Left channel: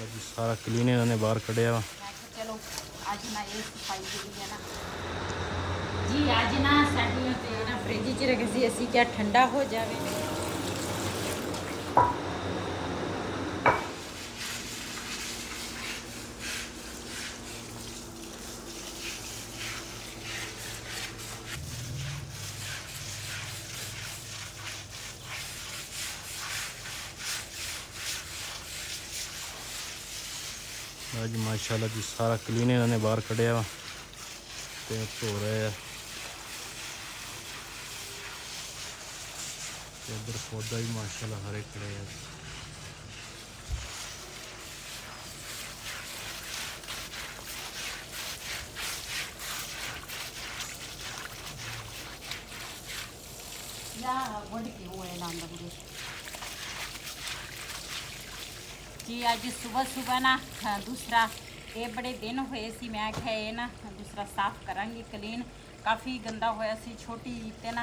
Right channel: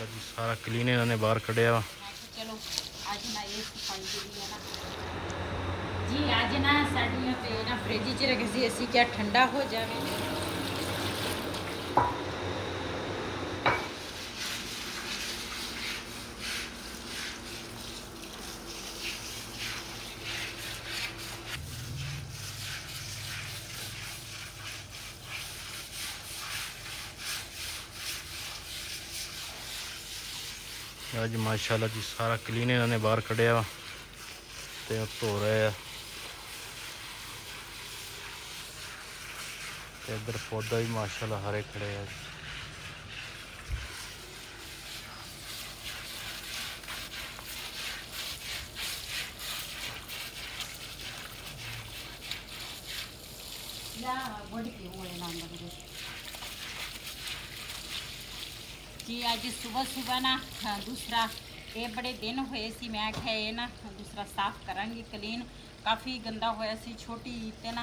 माशाल्लाह जी सारा क्लीन इन्होंने बाहर कढ़िया वा। चलो अज ना ये सफाई जी है ना जी अज ना साड़ियाँ तो ना फ्रिज च रखी सी असी क्या ठंडा हो जाए। अज माशाल्लाह जी सारा क्लीन इन्होंने बाहर कढ़िया वा ते धो रहे हैं। इधर पौधा भी माशाल्लाह हरे खड़े हैं। जी अज सुबह सुबह ना दूसरा ये बड़े दिन हुए सी मैं आख्या ये ना दूसरा साफ करांगी क्लीन काफ़ी गंदा होया सी छोटी ते ना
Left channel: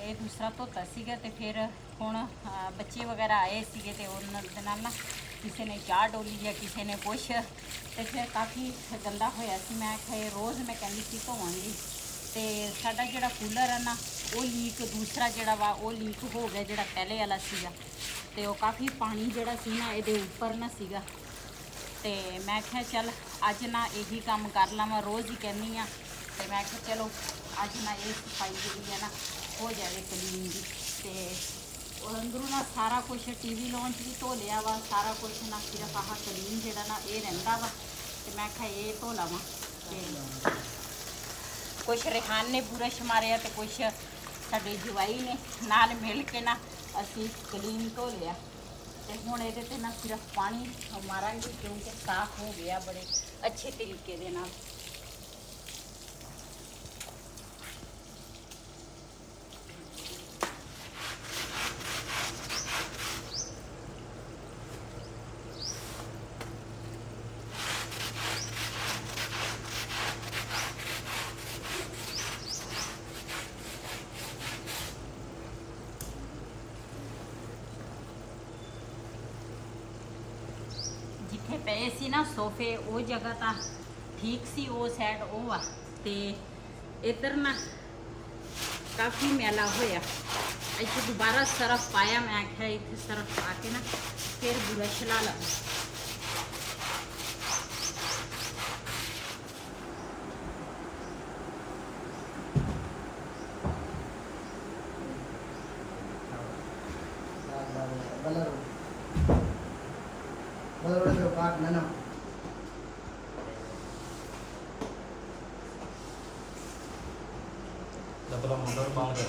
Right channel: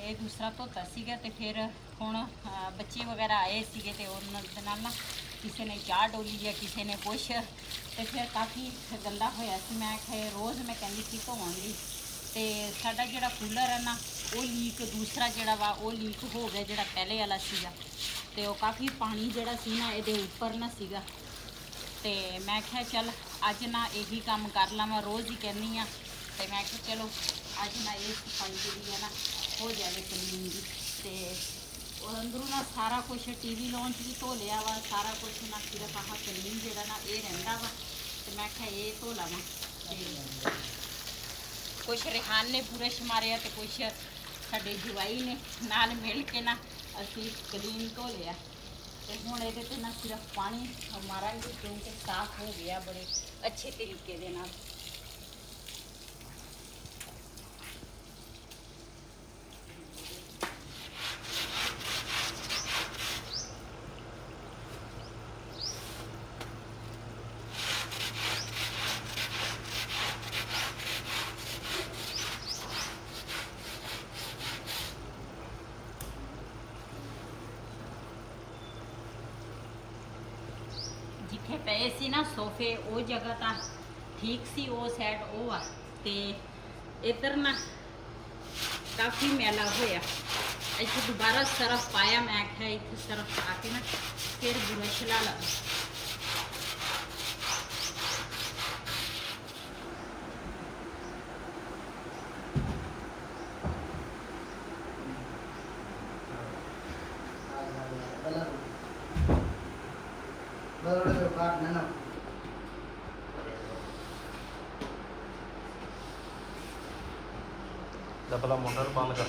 ये दूसरा धोता सीगा ते फिर हुण बच्चे वगैरह आए सीगे ते उन्हां दे नाल ना किसी ने चाह डोली है किसी ने कुछ ते फिर काफ़ी गंदा होया सी मैं आख्या रोज़ मैं कहंदी सी धोवांगी ते साडा जिहड़ा कूलर है ना वो लीक दूसरा जिहड़ा वा वो लीक हो गया जिहड़ा पहले वाला सीगा ते वो काफ़ी पानी जिहड़ा सी ना इहदे उपर ना सीगा ते मैं आख्या चल अज ना यही काम कर लवां रोज़ ही कहनी आ ते मैं आख्या चलो अज ना ये सफाई जिहड़ी है ना हो जाए क्लीन दी ते अंदरों ना सारा कुछ टीवी लॉन्च भी धो लिया वा सारा कुछ ना सिर्फ आह क्लीन जिहड़ा ना ये रहिंदा वा ते मैं आख्या ये धो लवां ते कुछ रिहान ने बुरश मारिया तो कुछ साडे जवाई ने नाल मिल के ना असी क्लीन धो लिया तो हुण इहदे ते ना सिर्फ पानी मारांगे क्योंकि साफ हो गया बड़े अच्छे तरीके दे नाल। जिथे पे सी ना सोफे वो जगह तो ठीक सी वो साइड वो आ ते इधर ना काफ़ी मैला होया इत्थे दोबारा सरफ पाया मैं आख्या इत्थे सरफ पा के ना फिर बुरश ला ला। डबला मोटर बंद कर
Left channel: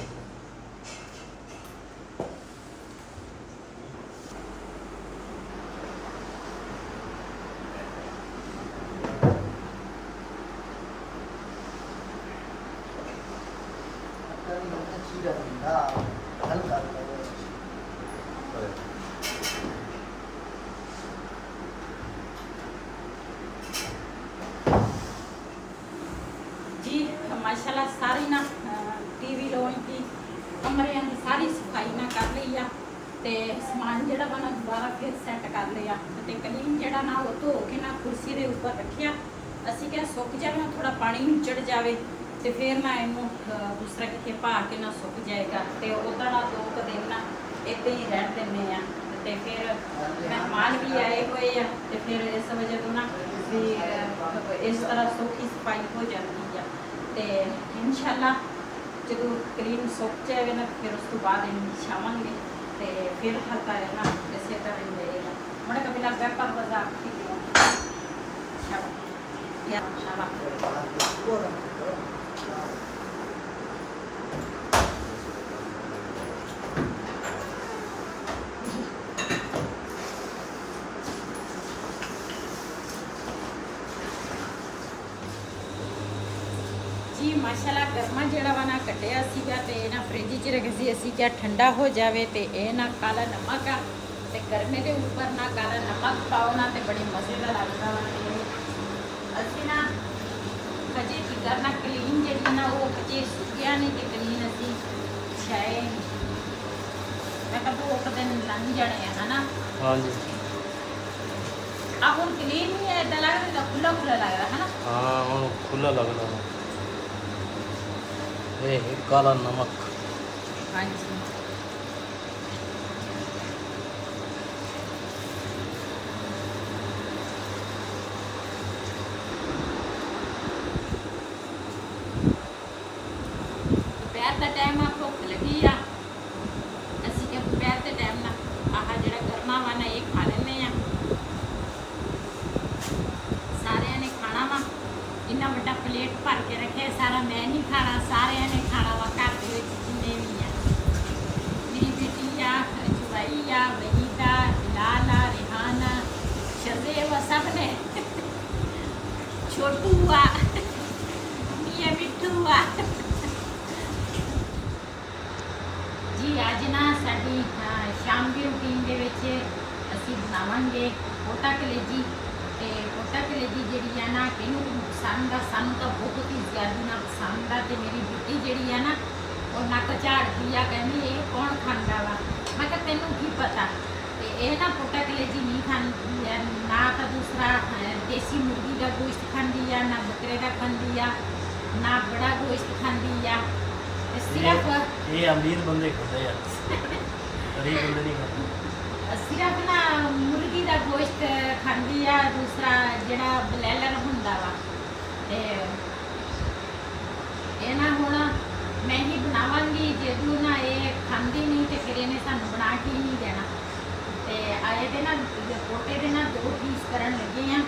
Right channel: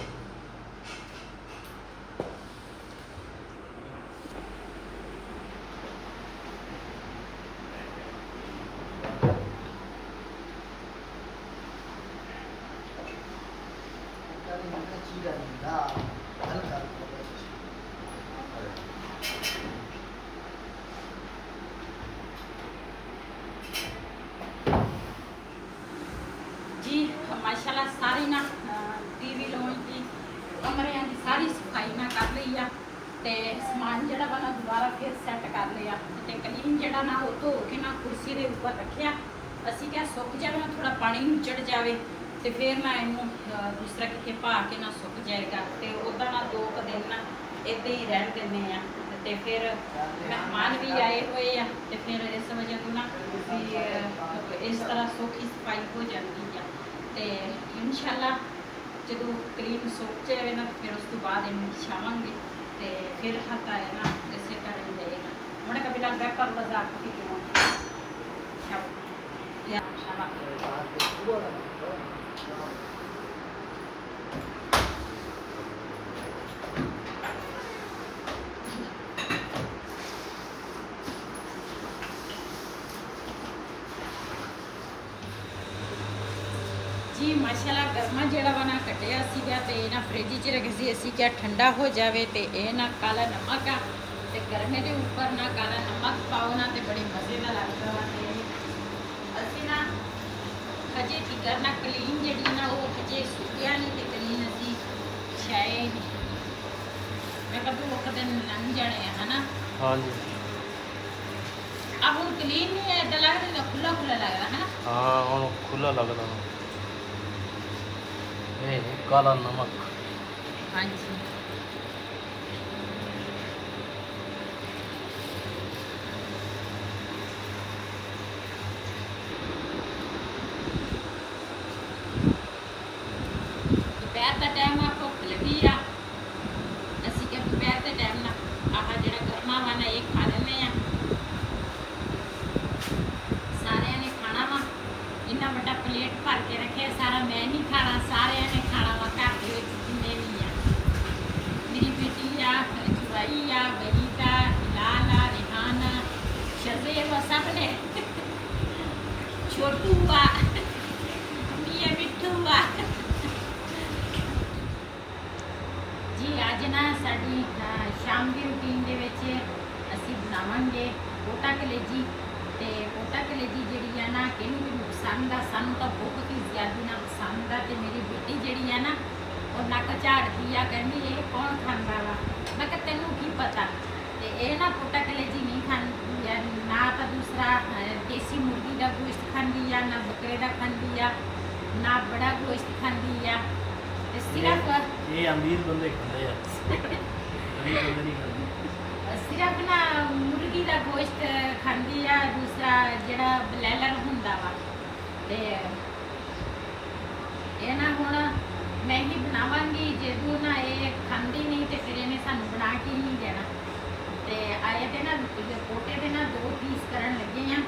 जी माशाल्लाह सारी ना टीवी लॉन्च की कमरे की सारी सफाई ना कर ली आ ते समान जिहड़ा वा ना दोबारा फिर सैट कर लिया ते क्लीन जिहड़ा ना वो धो के ना कुर्सी के उपर रखिया असी क्या सुक जाए ना थोड़ा पानी चढ़ जाए तो फिर ना इनू दूसरा कितने पा के ना सुक जाएगा तो उदा ना 2 दिन ना इदा ही रहन देने आ ते फिर मेहमान भी आए हुए हैं तो फिर इस वजह तो ना भी इस तरह सौखी सफाई हो जाती है तो इंशाल्लाह जो क्लीन सुक जाए ना फिर उस तो बाद इन बिछावांगे तो फिर हल्का है ना इसे तरह ही रहेगा मैंने कभी ना बैपर बाजार जी माशाल्लाह गर्मा जिहड़ा वा ना कटिया सीगा ते ना फ्रिज च रखी सी असी क्या ठंडा हो जाए तो यह ना काला नमक आ ते गर्मे के उपर ना काला नमक पाओ ना तो बड़ी मजे का लगता वा असी ना हजे फिकर ना क्लीन जी ना वो हजे सुकिया नहीं तो क्लीन असी छाए मैं कहा 2 दिन लंघ जाने है ना। हाँ जी ਆ ਹੁਣ ਕਲੀਨ ਨਹੀਂ ਹੈ, ਇਦਾਂ ਲੱਗਦਾ ਜਿੱਦਾਂ ਖੁੱਲਾ ਖੁੱਲਾ ਲੱਗਦਾ ਹੈ ਨਾ। हाँ हुण खुला लगदा वा। ये है काला नमक। ਹਾਂਜੀ ਦੁਪਹਿਰ ਦਾ ਟਾਈਮ ਆ, ਭੁੱਖ ਲੱਗੀ ਆ। ਅਸੀਂ ਕਿ ਦੁਪਹਿਰ ਦੇ ਟਾਈਮ ਨਾ ਆਹ ਜਿਹੜਾ ਗਰਮਾ ਵਾ ਨਾ ਇਹ ਖਾ ਲੈਂਦੇ ਆ। ਸਾਰਿਆਂ ਨੇ ਖਾਣਾ ਵਾ, ਇੰਨਾ ਵੱਡਾ ਪਲੇਟ ਭਰ ਕੇ ਰੱਖਿਆ, ਸਾਰਾ ਮੈਂ ਨਹੀਂ ਖਾਣਾ, ਸਾਰਿਆਂ ਨੇ ਖਾਣਾ ਵਾ ਘਰ ਦੇ ਵਿੱਚ ਜਿੰਨੇ ਵੀ ਆ। ਮੇਰੀ ਬੇਟੀ ਆ, ਜਵਾਈ ਆ, ਵਹੀਦਾ, ਲਾਲਾ, ਰਿਹਾਨਾ, ਸ਼ਰਦੇਵ, ਸਭ ਨੇ, ਛੋਟੂ ਆ, ਮੀਆਂ ਮਿੱਠੂ ਆ ਜੀ। ਅੱਜ ਨਾ ਸਾਡੀ ਸ਼ਾਮ ਦੀ ਰੂਟੀਨ ਦੇ ਵਿੱਚ ਅਸੀਂ ਬਣਾਵਾਂਗੇ ਪੋਟਾ ਕਲੇਜੀ। ਤੇ ਪੋਟਾ ਕਲੇਜੀ ਜਿਹੜੀ ਆ ਨਾ ਕਿਹਨੂੰ ਕਿਹਨੂੰ ਪਸੰਦ ਆ, ਸਾਨੂੰ ਤਾਂ ਬਹੁਤ ਹੀ ਜ਼ਿਆਦਾ ਨਾ ਪਸੰਦ ਆ। ਤੇ ਮੇਰੀ ਬੇਟੀ ਜਿਹੜੀ ਆ ਨਾ ਉਹ ਨੱਕ ਝਾੜਦੀ ਆ, ਕਹਿੰਦੀ ਇਹ ਕੌਣ ਖਾਂਦਾ ਵਾ। ਮੈਂ ਕਿਹਾ ਤੈਨੂੰ ਕੀ ਪਤਾ। ਤੇ ਇਹ ਨਾ ਪੋਟਾ ਕਲੇਜੀ ਨਹੀਂ ਖਾਂਦੀ ਆ, ਨਾ ਤਾਂ ਦੂਸਰਾ ਦੇਸੀ ਮੁਰਗੀ ਦਾ ਗੋਸ਼ਤ ਖਾਂਦੀ ਆ, ਨਾ ਬੱਕਰੇ ਦਾ ਖਾਂਦੀ ਆ, ਨਾ ਬੜਾ ਗੋਸ਼ਤ ਖਾਂਦੀ ਆ। ਤੇ ਸਿਰਫ ये अमीर बंदे खाते हैं, गरीब बंदे नहीं खाते। ਸਿਰਫ ਨਾ ਮੁਰਗੀ ਦਾ ਗੋਸ਼ਤ ਖਾਂਦੀ ਆ, ਦੂਸਰਾ ਜਿਹੜਾ ਬਲੈਲਰ ਹੁੰਦਾ ਵਾ। ਤੇ ਇਹ ਨਾ ਹੁਣ ਮੈਂ ਹੀ ਬਣਾਵਾਂਗੀ। ਜਦੋਂ ਨਾ ਇਹ ਖਾਂਦੀ ਨਹੀਂ ਤੇ ਫਿਰ ਇਹਨੇ ਸਾਨੂੰ ਬਣਾ ਕੇ ਨਹੀਂ ਦੇਣਾ। ਤੇ ਆਏ ਦੇ ਨਾ ਪੋਟੇ ਦੇ ਨਾ 2 ਪੀਸ ਕਰਨ ਲੱਗੇ ਆ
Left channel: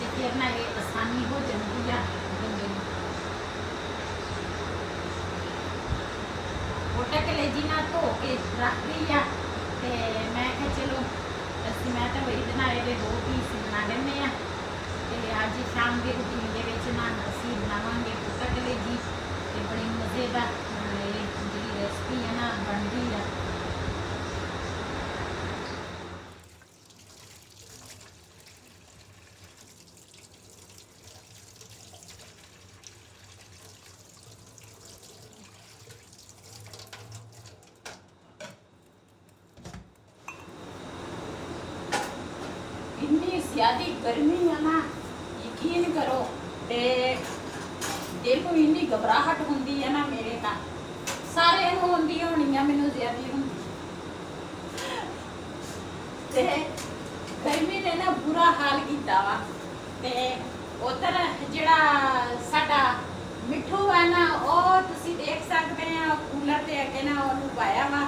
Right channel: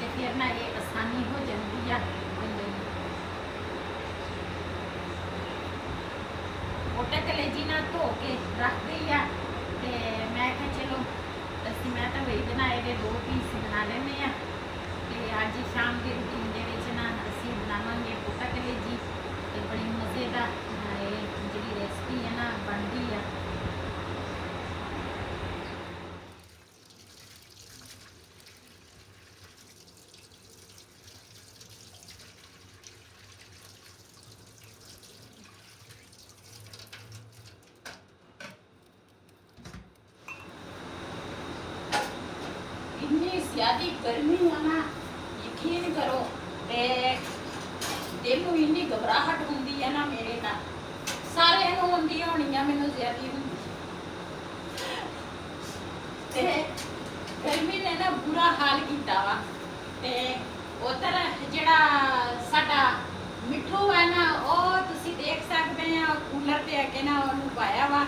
ਤੇ ਫਿਰ ਨਾ ਇਹ ਆਸਾਨੀ ਹੋ ਜਾਂਦੀ ਆ ਬੰਦੇ ਨੂੰ। ਪੋਟਾ ਕਲੇਜੀ ਨਾ ਧੋ ਕੇ ਰੱਖਦੀ ਆ ਤੇ ਮੈਂ ਕਿਹਾ ਚਲੋ ਮੈਂ ਤਾਂ ਵਹੀ ਬਣਾਏ ਦੇ 2 ਪੀਸ ਬਣਾ ਲੈਂਦੇ ਆ। ਤੇ ਅੱਜ ਸ਼ਾਮ ਦੀ ਰੂਟੀਨ ਦੇ ਵਿੱਚ ਨਾ ਅਸੀਂ ਬਣਾਵਾਂਗੇ ਪੋਟਾ ਕਲੇਜੀ ਤੇ ਬੜੀ ਮਜ਼ੇਦਾਰ ਇਹ ਜਿਹੜੀ ਰੈਸਪੀ ਹੈ ਨਾ ਬਣਦੀ ਆ। ਇੰਨੀ ਜ਼ਿਆਦੀ ਗਰਮੀ ਆ ਨਾ, ਯਕੀਨ ਕਰੋ। ਤੇ ਦਿਲ ਨੂੰ ਇੰਨੀ ਘਬਰਾਹਟ ਹੁੰਦੀ ਹੈ ਨਾ, ਮੇਰੇ ਤਾਂ ਸਾਰਿਆਂ ਨੂੰ ਹੁੰਦੀ ਹੋਣੀ ਆ, ਮੈਨੂੰ ਜ਼ਿਆਦੀ ਹੁੰਦੀ। ਤੇ ਗਰਮੀ ਨੇ ਨਾ ਬੁਰਾ ਹਾਲ ਕੀਤਾ ਵਾ। ਤੇ ਉਧਰ ਜਿਹੜਾ ਸਾਡਾ ਮਿੱਠੂ ਹੈ ਨਾ, ਉਹ ਤੁਸੀਂ ਦੇਖ ਸਕਦੇ ਆ ਕੂਲਰ ਤੇ ਅੱਗੇ ਨਾ ਉਹਨੂੰ ਪਾਇਆ ਵਾ।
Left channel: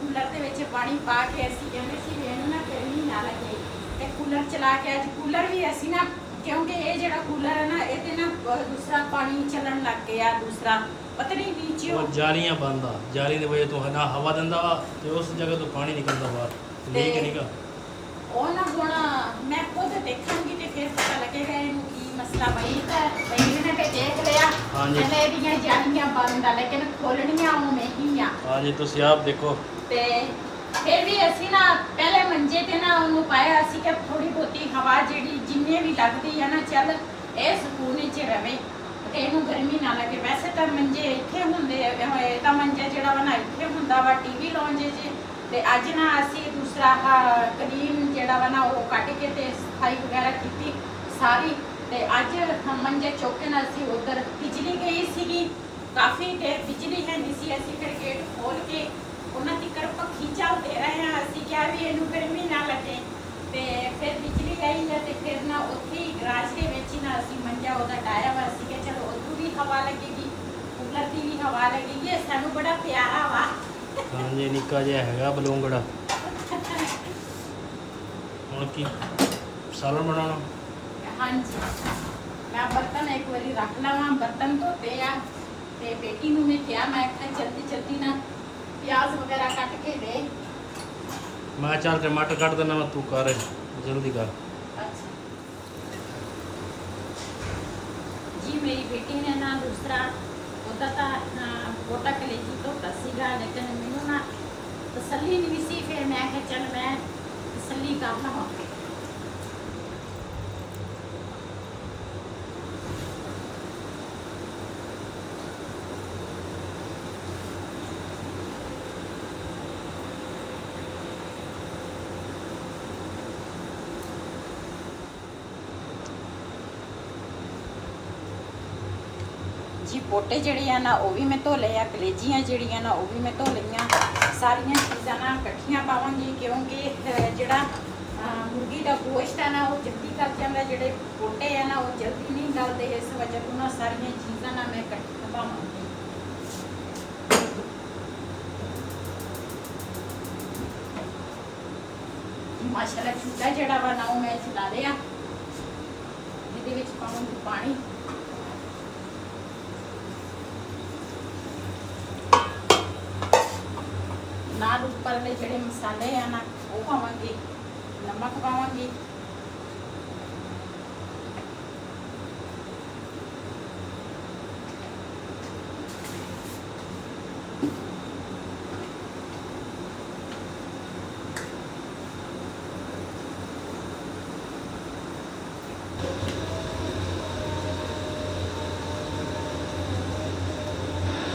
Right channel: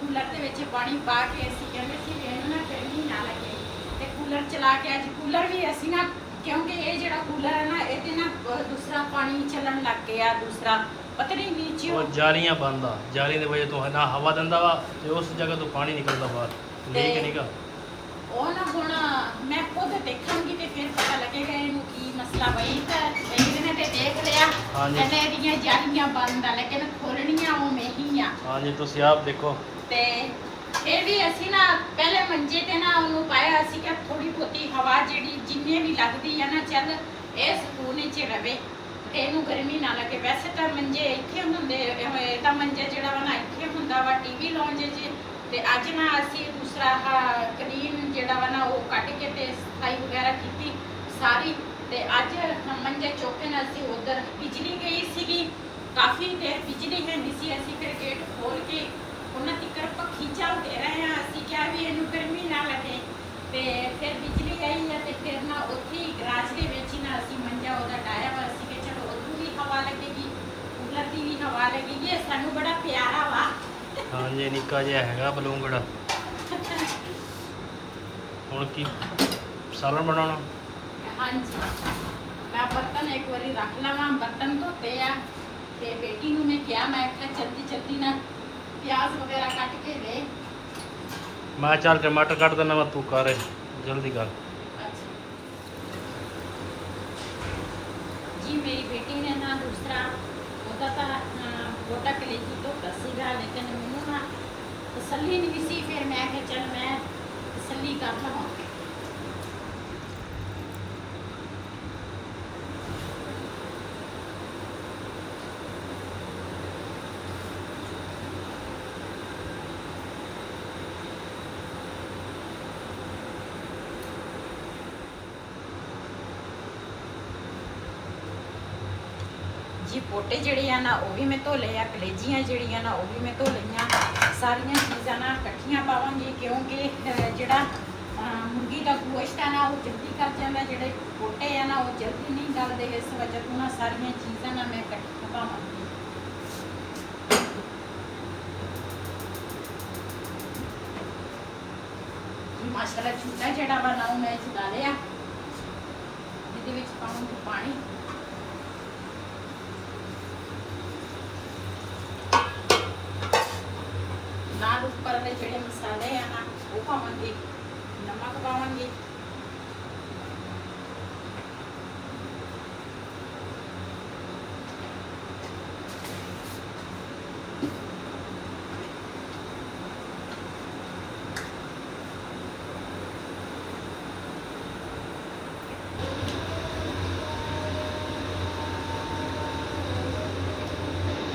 ਕੂਲਰ ਦੇ ਵਿੱਚ ਪਾਣੀ ਪਾ ਕੇ ਅਸੀਂ ਕਹਿੰਦੇ ਸੀ ਇਹਨੂੰ ਨਾ ਗਰਮੀ ਨਾ ਲੱਗੇ ਤੇ ਕੂਲਰ ਚਲਾ ਕੇ ਅੱਜ ਕੂਲਰ ਵੀ ਅਸੀਂ ਨਾ, ਕਿਉਂਕਿ ਇਹ ਜਿਹੜਾ ਕੂਲਰ ਹੈ ਨਾ ਇਹਦੇ ਨਾ ਦੂਸਰਾ ਪਾਣੀ ਚੱਲਣ ਲੱਗ ਗਿਆ, ਦੂਸਰਾ ਪਤਾ ਨਹੀਂ ਨੀਚੇ वो जालियां बंद आ, जाली की वजह तो है ना हवा दिंदा वा ते उस जगह तो पानी निकलदा बाहर, लीक निका। ਉਹ ਨਾ ਹੁਣ ਮੈਂ ਖੁਦ ਦੇਖਾਂਗੀ ਤੇ ਫਿਰ ਪਤਾ ਲੱਗੇਗਾ ਇਹਨੂੰ ਕੀ ਮਸਲਾ ਬਈ। ਤਾਂ ਬਈ ਨੇ ਤੇ ਦੇਖ ਲਿਆ ਹਾਂਜੀ। ਕਹਿੰਦੇ ਇਹਦੀਆਂ ਜਾਲੀਆਂ ਬੰਦ ਆ, ਲੇਕਿਨ ਖੋਲਣੀਆਂ ਉਵੇਂ ਹੀ ਆ। हाँ जी तुसी आप देखो। ਤੇ ਫਿਰ ਵੀ ਅਸੀਂ ਨਾ ਪਹਿਲੇ ਮੰਜੇ ਤੇ ਨਾ ਉਹਨੂੰ ਪਾਇਆ ਸੀ ਕਿ ਥੋੜੀ ਬਹੁਤੀ ਹਵਾ ਜਿਹੜੀ ਜਿੰਨੇ ਵੀ ਲੱਗਦੀ ਆ ਨਾ, ਚੱਲ ਇਹ ਸਕੂਨ ਵਿੱਚ ਰਵੇ ਤੇ ਇਹਨੂੰ ਗਰਮੀ ਨਾ ਲੱਗੇ। ਵੈਸੇ ਤਾਂ ਮੰਜੇ ਇੱਥੇ ਹੁੰਦੇ, ਇਹ ਤਾਂ ਮੰਜਾ ਜਿਹੜਾ ਵਾ ਨਾ ਇੱਥੇ ਹੁੰਦਾ ਵਾ ਟੀਵੀ ਲਾਉਂਜ 'ਚ। ਤੇ ਅੱਜ ਨਾ ਅਸੀਂ ਦੂਸਰਾ ਕਲੀਨ ਜਿਹੜਾ ਵਾ ਨਾ ਉਹ ਕੱਢ ਕੇ ਤੇ ਸਫਾਈ ਵਗੈਰਾ ਕੀਤੀ ਸਾਰੀ। ਤੇ ਅੱਜ ਮੰਜੇ ਚੁੱਕ ਕੇ ਨਾਲ ਅਸੀਂ ਉਧਰ ਬਿਜਲੀ ਗਈ ਸੀਗੀ, ਕਾਫੀ ਦੇਰ ਬਿਜਲੀ ਹੈ ਨਹੀਂ ਸੀ। ਅਸੀਂ ਫਿਰ ਗੇਟ ਖੋਲ ਕੇ ਉਹਨਾਂ ਦੀ ਪੱਖੀ ਚੱਲਦੇ ਰਹੇ ਹਾਂ। ਅਸੀਂ ਕਿਹਾ ਵੀ ਇਹਨੂੰ ਗਰਮੀ ਨਾ ਲੱਗੇ। ਤੇ ਫਿਰ ਬਿਜਲੀ ਆਈ ਹੈ ਤੇ ਫਿਰ ਨਾ ਉੱਥੇ ਹੀ ਗਰਾਜ ਦੇ ਵਿੱਚ ਹੀ ਨਾ ਅਸੀਂ ਮੰਜਾ ਉਹਦਾ ਡਾਇਆ ਵਾ। ਅਸੀਂ ਕਿ ਚਲੋ ਉਹਨੂੰ ਵੀ ਹਵਾ ਲੱਗੇਗੀ, ਕੂਲਰ ਦੀ ਵੀ ਹਵਾ ਲੱਗੇਗੀ। ਇਹ ਸਾਨੂੰ ਬੜਾ ਪਿਆਰਾ ਵਾ। हाँ जी निक्का जिहा हैगा बलूंगड़ा। हुण की सालन बनाउणा? ਹਾਂਜੀ ਮੈਂ ਬਰਤਨ ਇੱਕ ਵਾਰੀ ਰੱਖ ਲਵਾਂ। ਬਰਤਨ ਧੋਤੇ ਆ ਤੇ ਬੇਟੀ ਨੂੰ ਮੈਂ ਕਿਹਾ, ਮੈਂ ਕਿਹਾ ਜਲਦੀ ਜਲਦੀ ਨਾ ਪਿਆਜ਼ ਵਗੈਰਾ ਕੱਟ ਕੇ ਦੇ। मैं चल टमाटर कट देना, मैं तू कर जल्दी कर। जी मेरी बेटी ने ना दूसरा होता था पोटा कलेजी तो सीगा, लेकिन मैनू ना तसल्ली नहीं सी। फिर मैं क्या चल मैं तसल्ली कर लवां। ਪੋਟੇ ਜਿਹੜੇ ਆ ਨਾ ਉਹ ਵੀ ਮੈਂ ਧੋ ਲਏ ਆ, ਕਲੇਜੀਆਂ ਜਿਹੜੀਆਂ ਨਾ ਉਹ ਵੀ ਮੈਂ ਧੋ ਲਈਆਂ। ਸਾਰੀਆਂ ਚੀਜ਼ਾਂ ਨਾ ਇਕੱਠੀਆਂ ਪਾਵਾਂਗੀ ਕਿਉਂਕਿ ਜਿਹੜਾ ਮੁਰਗੀ ਦਾ ਗੋਸ਼ਤ ਹੈ ਨਾ ਉਹ ਜਲਦੀ ਕਰ ਜਾਂਦਾ, ਜਿਹੜੇ ਪੋਟੇ ਆ ਨਾ ਉਹ ਜਲਦੀ ਨਹੀਂ ਗਲਦੇ। ਇਸ ਵਜ੍ਹਾ ਤੋਂ ਨਾ ਸਾਰੀਆਂ ਚੀਜ਼ਾਂ ਨਾ ਮੈਂ ਇਕੱਠੀਆਂ ਪਾਵਾਂਗੀ। ਮਾਸ਼ਾਅੱਲਾ ਚੁੱਲ੍ਹਾ ਜਿਹੜਾ ਵਾ ਨਾ ਉਹ ਮੈਂ ਚਲਾ ਲਿਆ। ਇਹਦੇ ਵਿੱਚ ਪਾਵਾਂਗੀ ਪਾਣੀ। ਨਾਲ ਉੱਪਰਲੇ ਜਿਹੜੇ ਮਸਾਲੇ ਆ ਨਾ ਉਹ ਪਾਵਾਂਗੀ, ਨਮਕ ਪਾਵਾਂਗੀ,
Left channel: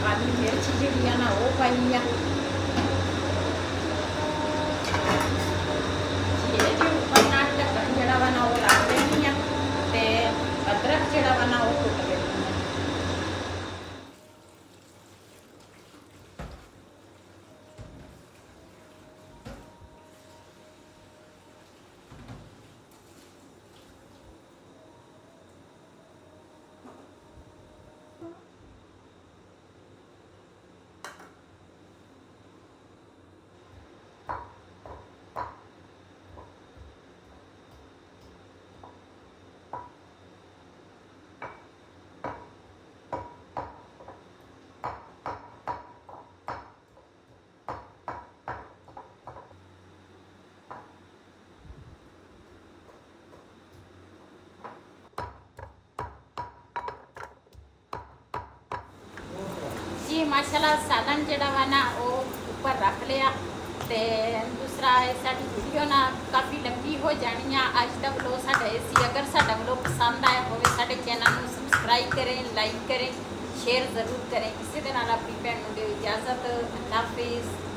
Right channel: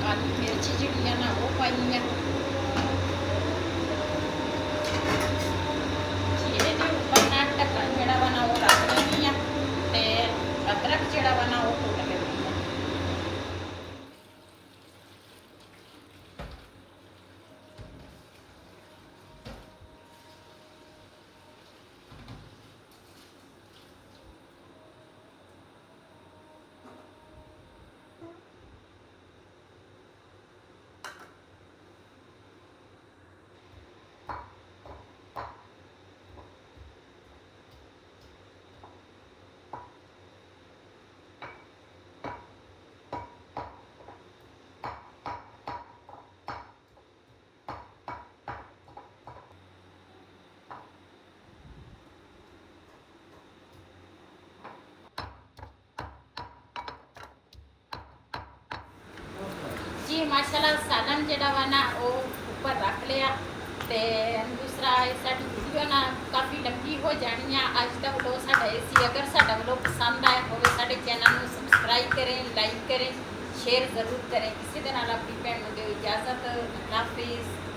ਕਾਲੀ ਮਿਰਚ ਜਿਹੜੀ ਆ ਨਾ ਉਹ ਪਾਈ ਆ। ਇਹਦੇ ਉੱਪਰ ਨਾ ਢੱਕਣ ਜਿਹੜਾ ਵਾ ਨਾ ਉਹ ਰੱਖ ਲੈਣੀ ਆ ਤੇ ਅਦਰਕ ਜਿਹੜਾ ਵਾ ਨਾ ਉਹ ਕੁੱਟ ਲੈਣੀ ਆ। जी माशाल्लाह सालन जड़ा वा ना वो ऊपर रख लिया। ते दूसरा साडी वीडियो ना काफ़ी लंबी हो जानी है। अज का व्लॉग साडा इसी, अगर साडा व्लॉग पसंद आया हो साडे चैनल को सबसक्राइब करें, लाइक करें, शेयर ज़रूर करें। किसी दे नाल अपनी भैन नूं दिओ इजाज़त। अल्लाह हाफिज़।